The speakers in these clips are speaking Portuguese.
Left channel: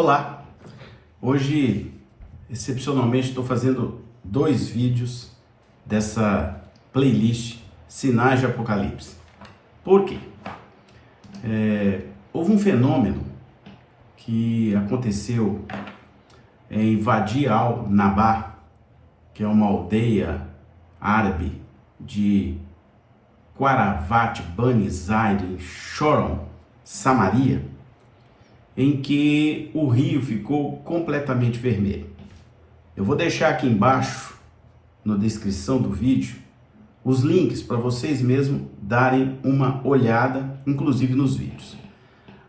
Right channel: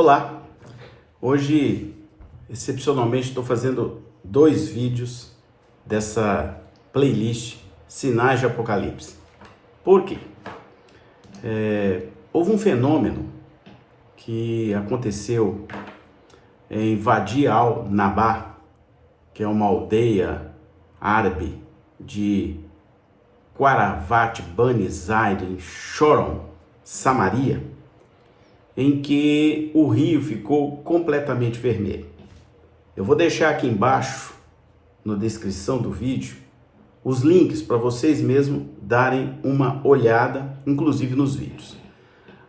Olá! Hoje, excepcionalmente, estou fazendo 2 vídeos dessa playlist Sinais de Apocalipse. Por quê? Houve um fenômeno que aconteceu em Wadi al-Nabá, que é uma aldeia árabe de Qaravat Bani Zaid, em Shoron, Samaria, em que o rio ficou completamente vermelho. Eu vou deixar aqui embaixo, na descrição do vídeo, os links para vocês mesmos darem uma olhada, inclusive nos vídeos.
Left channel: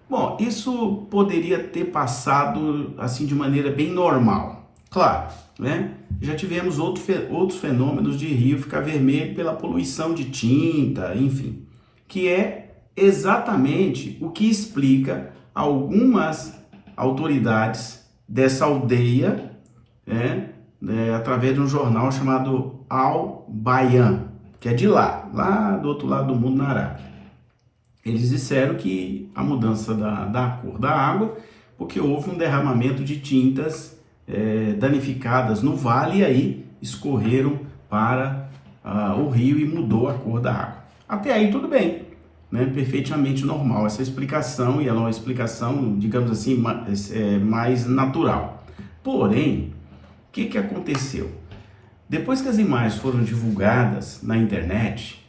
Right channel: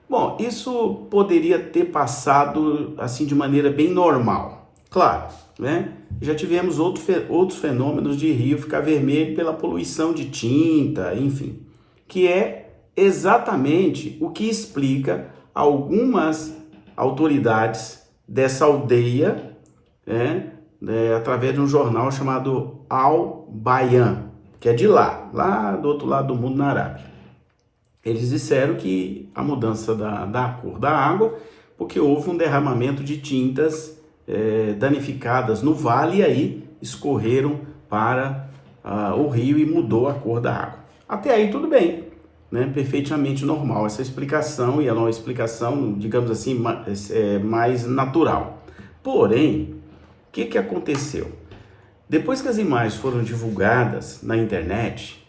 Bom, isso poderia ter passado assim de maneira bem normal. Claro, né? Já tivemos outros fenômenos de rio ficar vermelho pela poluição de tinta, enfim, que é exatamente o que explica algumas autoridades dessa aldeia, através de um jornal chamado Al-Bayan, que é de lá do outro lado do mundo, na Arábia. Eles disseram que a mudança da cor da água, porque houve um derramamento de tintas danificadas no vale, e aí escorreram para o rio e mudou a cor da água. Até aí tudo bem, né? Perfeitamente normal essa explicação, e ela é uma explicação, digamos assim, mais natural. Porém, o que aconteceu? Depois que as imagens foram divulgadas na internet,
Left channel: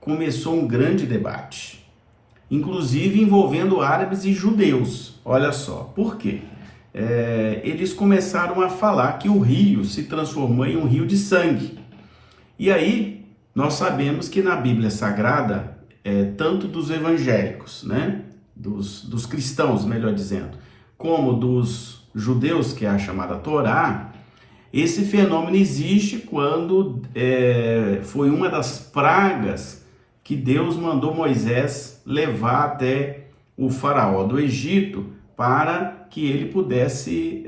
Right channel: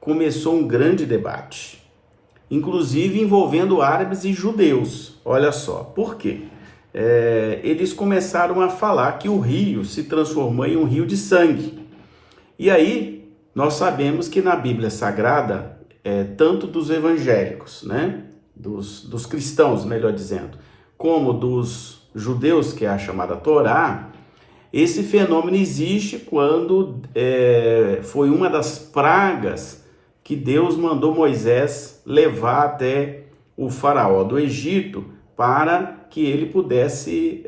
começou um grande debate, inclusive envolvendo árabes e judeus. Olha só, por quê? Eles começaram a falar que o rio se transformou em um rio de sangue. E aí, nós sabemos que na Bíblia Sagrada, tanto dos evangélicos, né, dos cristãos, melhor dizendo, como dos judeus, que é a chamada Torá, esse fenômeno existe quando foi uma das pragas que Deus mandou Moisés levar até o faraó do Egito para que ele pudesse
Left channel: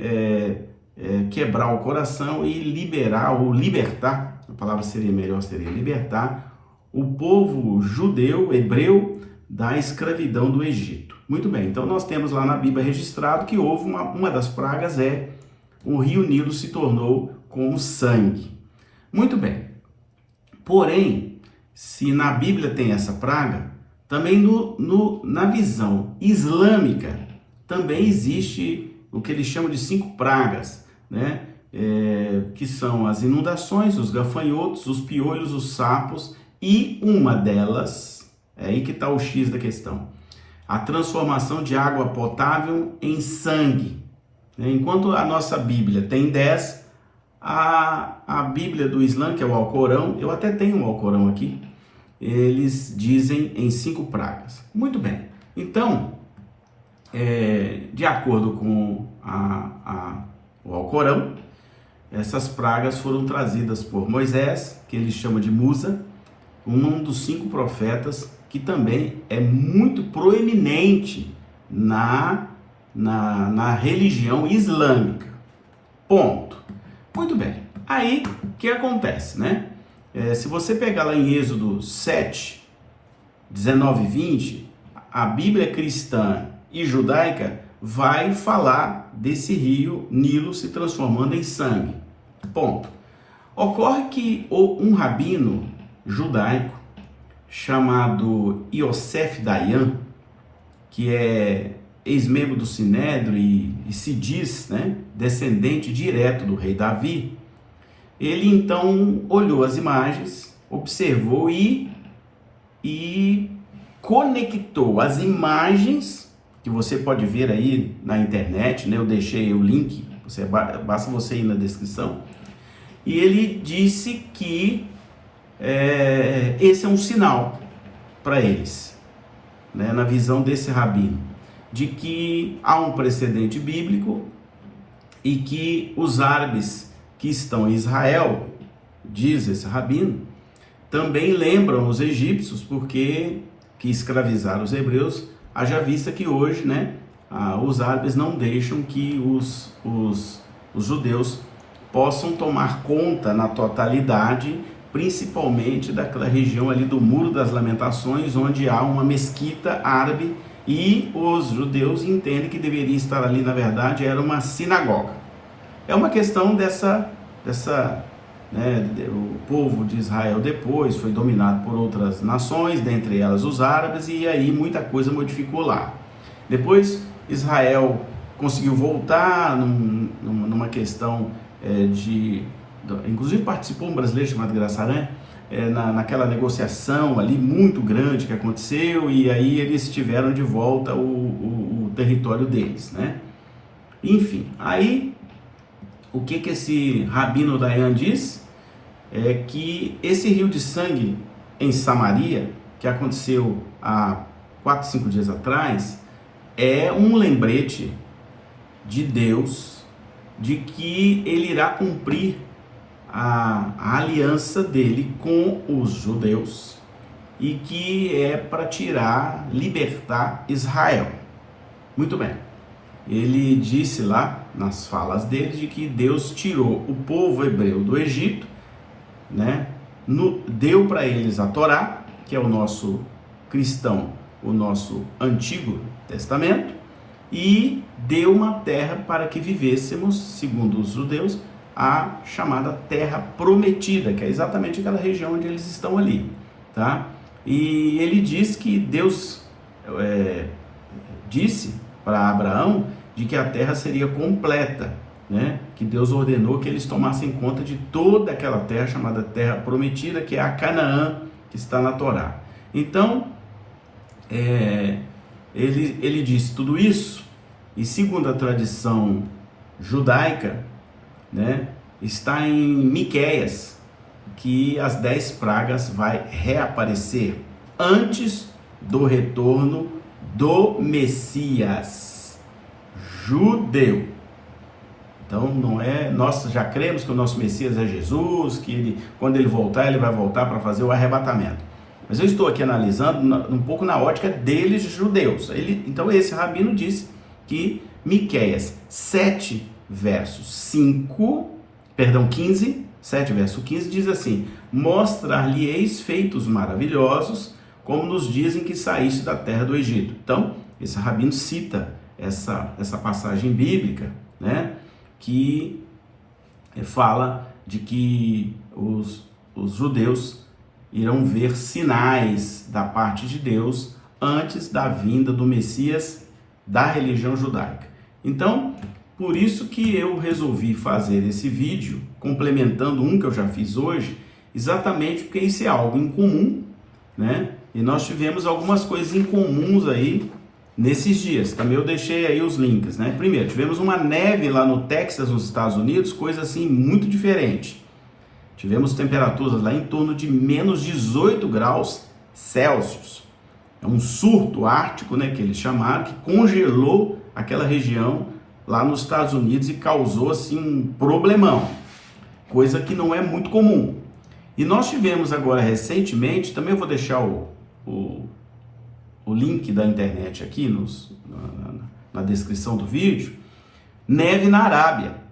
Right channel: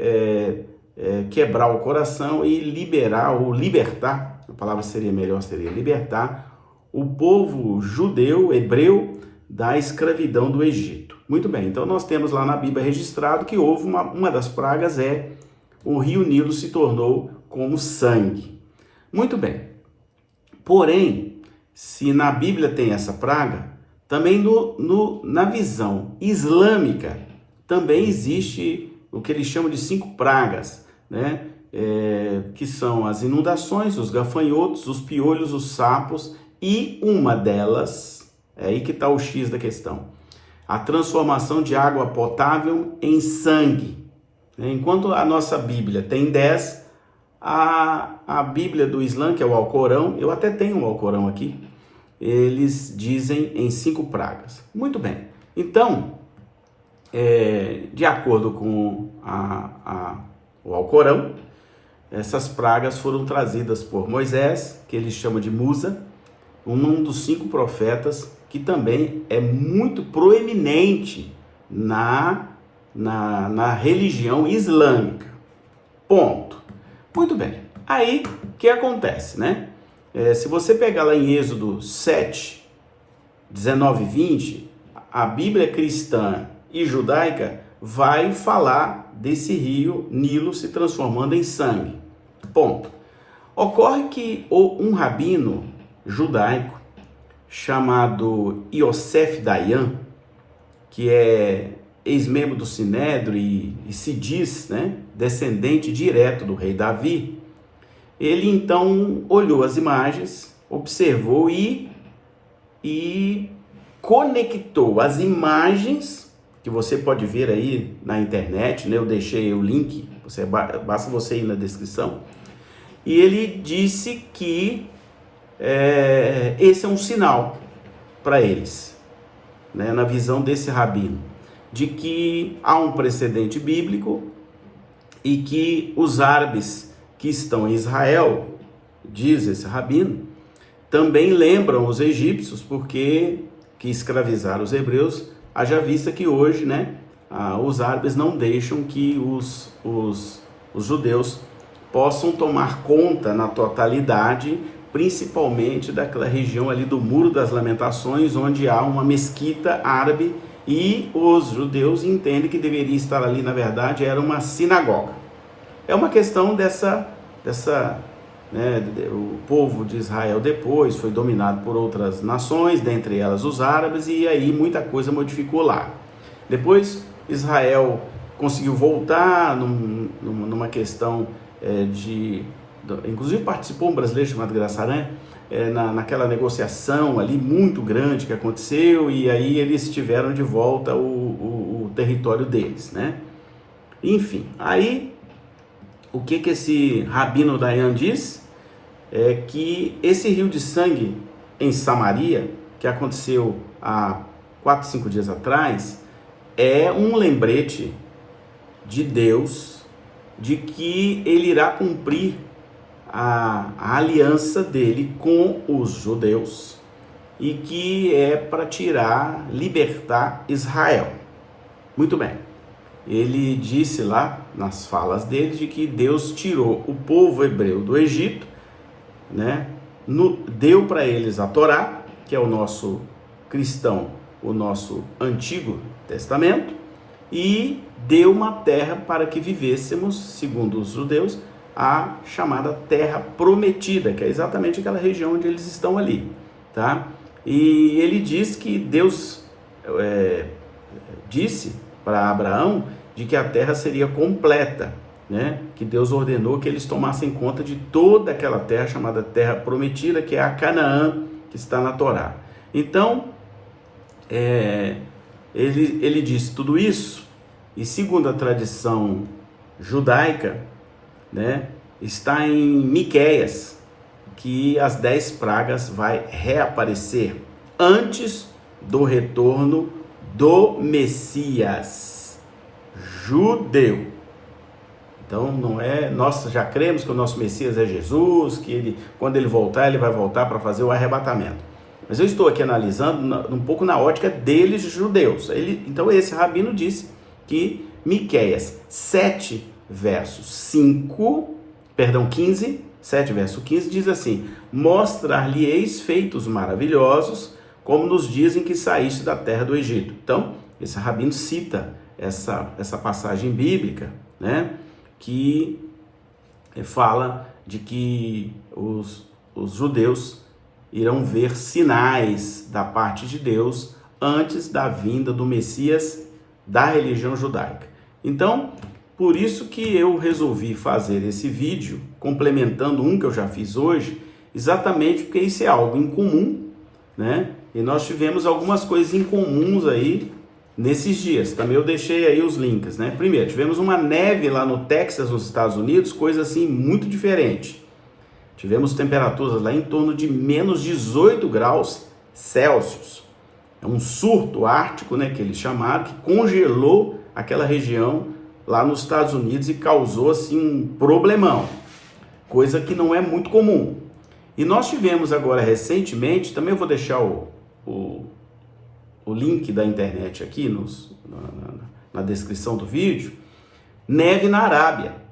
quebrar o coração e libertar, a palavra seria melhor, seria libertar o povo judeu, hebreu, da escravidão do Egito. Muito bem, então nós temos lá na Bíblia registrado que houve uma das pragas, o rio Nilo se tornou como sangue. Muito bem, porém, se na Bíblia tem essa praga, também na visão islâmica, também existe o que eles chamam de 5 pragas, né? Que são as inundações, os gafanhotos, os piolhos, os sapos, e uma delas, é aí que está o X da questão, a transformação de água potável em sangue. Enquanto a nossa Bíblia tem 10, a Bíblia do Islã, que é o Alcorão, eu até tenho um Alcorão aqui, eles dizem em 5 pragas. Muito bem, então, de acordo com o Alcorão, essas pragas foram trazidas por Moisés, que eles chamam de Musa, um dos 5 profetas, que também é muito proeminente na religião islâmica. Ponto. Muito bem. Aí, o que acontece, né? Se você pegar lá em Êxodo 7, 19 e 20, a Bíblia cristã e judaica vai falar desse rio Nilo se transformando em sangue. Ponto. Ocorre que um rabino judaico chamado Yosef Dayan, que é ex-membro do Sinédrio e se diz, né, descendente direto do rei Davi, ele então olhou as imagens, observou e conectou as imagens, que você pode ver aí na internet, né? Eu deixei o link, basta você ir na descrição, e ele disse que esse é um sinal para eles, né, na visão desse rabino, de que há um precedente bíblico e que os árabes que estão em Israel, diz esse rabino, também lembram os egípcios porque que escravizaram os hebreus, haja vista que hoje, né, os árabes não deixam que os judeus possam tomar conta na totalidade, principalmente daquela região ali do Muro das Lamentações, onde há uma mesquita árabe e os judeus entendem que deveria estar ali, na verdade, era uma sinagoga. É uma questão né, o povo de Israel depois foi dominado por outras nações, dentre elas os árabes, e aí muita coisa modificou lá. Depois Israel conseguiu voltar numa questão inclusive participou um brasileiro chamado Graçarã, naquela negociação ali muito grande que aconteceu, e aí eles tiveram de volta o território deles, né? Enfim, aí o que esse Rabino Dayan diz? É que esse rio de sangue em Samaria, que aconteceu há 4, 5 dias atrás, é um lembrete de Deus de que ele irá cumprir a aliança dele com os judeus e que é para libertar Israel. Muito bem. Ele disse lá nas falas dele de que Deus tirou o povo hebreu do Egito, né? Deu para eles a Torá, que é o nosso cristão, o nosso Antigo Testamento, e deu uma terra para que vivêssemos, segundo os judeus, a chamada Terra Prometida, que é exatamente aquela região onde eles estão ali, tá? E ele diz que Deus disse para Abraão de que a terra seria completa, né? Que Deus ordenou que eles tomassem conta de toda aquela terra chamada Terra Prometida, que é a Canaã, que está na Torá. Então, ele disse tudo isso, e segundo a tradição judaica, né, está em Miqueias, que as 10 pragas vai reaparecer antes do retorno do Messias judeu. Então nós já cremos que o nosso Messias é Jesus, que quando ele voltar, ele vai voltar para fazer o arrebatamento. Mas eu estou aqui analisando um pouco na ótica deles, judeus. Então esse rabino disse que Miqueias 7 verso 15, 7 verso 15 diz assim: mostrar-lhe-eis feitos maravilhosos, como nos dias em que saíste da terra do Egito. Então, esse rabino cita essa passagem bíblica, né, que fala de que os judeus irão ver sinais da parte de Deus antes da vinda do Messias da religião judaica. Então, por isso que eu resolvi fazer esse vídeo, complementando um que eu já fiz hoje, exatamente porque isso é algo incomum, né? E nós tivemos algumas coisas incomuns aí nesses dias. Também eu deixei aí os links, né? Primeiro, tivemos uma neve lá no Texas, nos Estados Unidos, coisa assim muito diferente. Tivemos temperaturas lá em torno de menos 18 graus Celsius. É um surto ártico, né, que eles chamaram, que congelou aquela região lá nos Estados Unidos e causou assim um problemão, coisa que não é muito comum. E nós tivemos agora recentemente, também eu vou deixar o link da internet aqui na descrição do vídeo, neve na Arábia.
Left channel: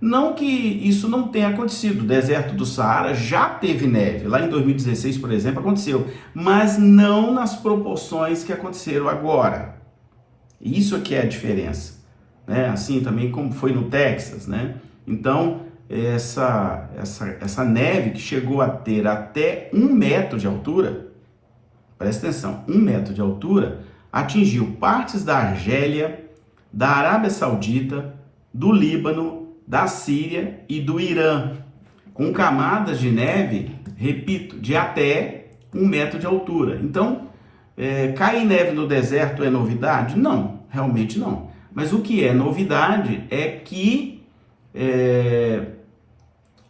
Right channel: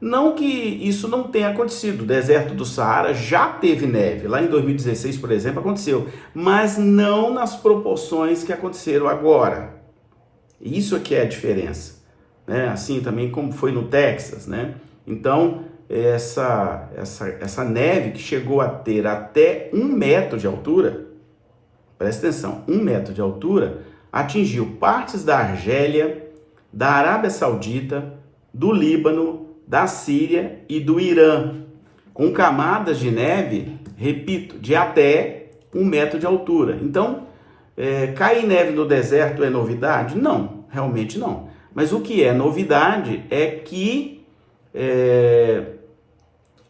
Não que isso não tenha acontecido, o deserto do Saara já teve neve, lá em 2016, por exemplo, aconteceu, mas não nas proporções que aconteceram agora. Isso aqui é a diferença, né? Assim também como foi no Texas, né? Então, essa neve que chegou a ter até 1 metro de altura, presta atenção, 1 metro de altura, atingiu partes da Argélia, da Arábia Saudita, do Líbano, da Síria e do Irã, com camadas de neve, repito, de até 1 metro de altura. Então, cair neve no deserto é novidade? Não, realmente não. Mas o que é novidade é que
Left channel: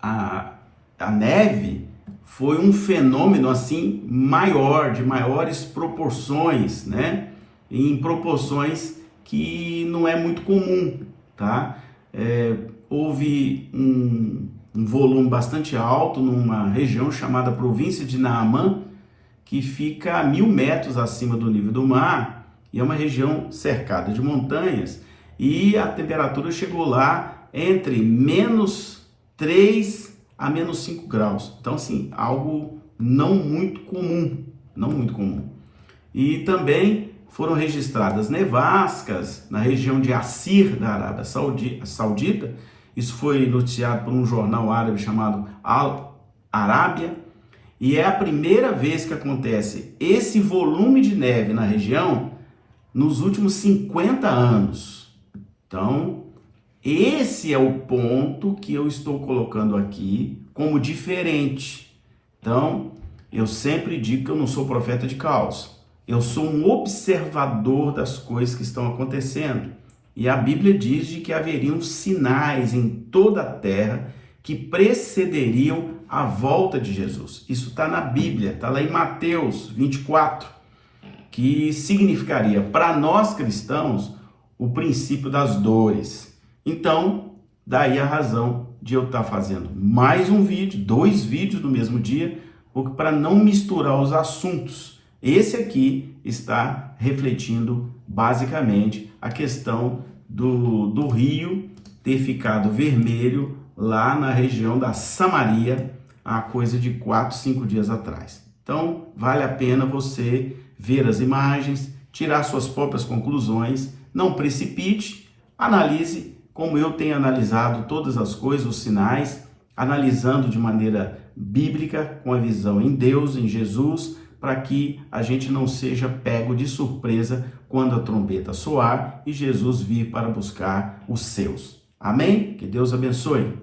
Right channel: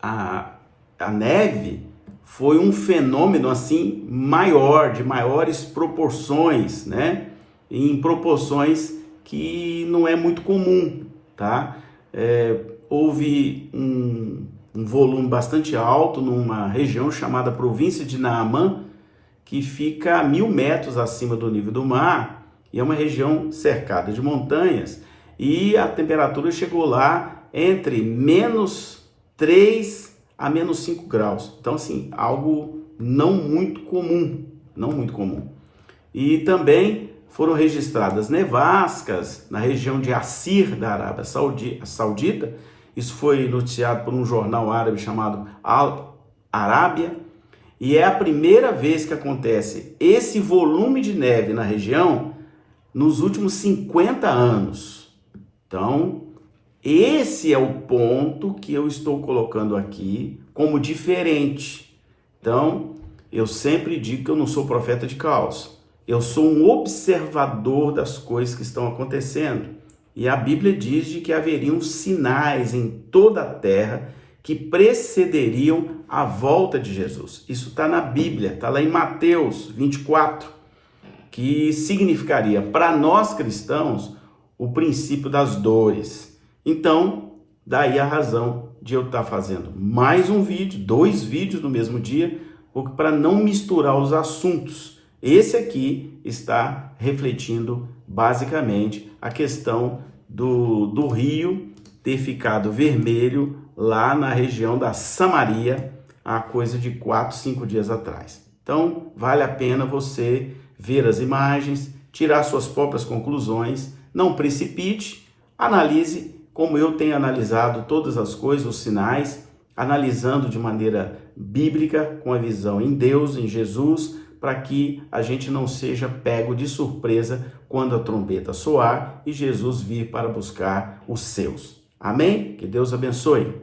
a neve foi um fenômeno assim maior, de maiores proporções, né? Em proporções que não é muito comum, tá? Houve um volume bastante alto numa região chamada província de Naamã, que fica a 1000 metros acima do nível do mar, e é uma região cercada de montanhas, e a temperatura chegou lá entre menos 3 a menos 5 graus. Então, assim, algo não muito comum, não muito comum. E também foram registradas nevascas na região de Assir, da Arábia Saudita. Isso foi noticiado por um jornal árabe chamado Al Arábia. E é a primeira vez que acontece esse volume de neve na região nos últimos 50 anos. Então, esse é o ponto que eu estou colocando aqui como diferente. Então, eu sempre digo que eu não sou profeta de caos. Eu sou um observador das coisas que estão acontecendo. E a Bíblia diz de que haveriam sinais em toda a terra que precederiam a volta de Jesus. Isso está na Bíblia, está lá em Mateus 24, que significaria para nós cristãos o princípio das dores. Então, daí a razão de eu estar fazendo mais um vídeo, 2 vídeos no mesmo dia, para não misturar os assuntos. Esse aqui está refletindo basicamente a questão do rio ter ficado vermelho lá na região da Samaria há coisa de 4, 5 dias atrás. Então, vale a pena você ver as imagens, tirar suas próprias conclusões, não precipite, analise como eu tenho analisado todas as coisas, os sinais, analisando de maneira bíblica, com a visão em Deus, em Jesus, para que a gente não seja pego de surpresa quando a trombeta soar e Jesus vir para buscar os seus. Amém? Que Deus abençoe.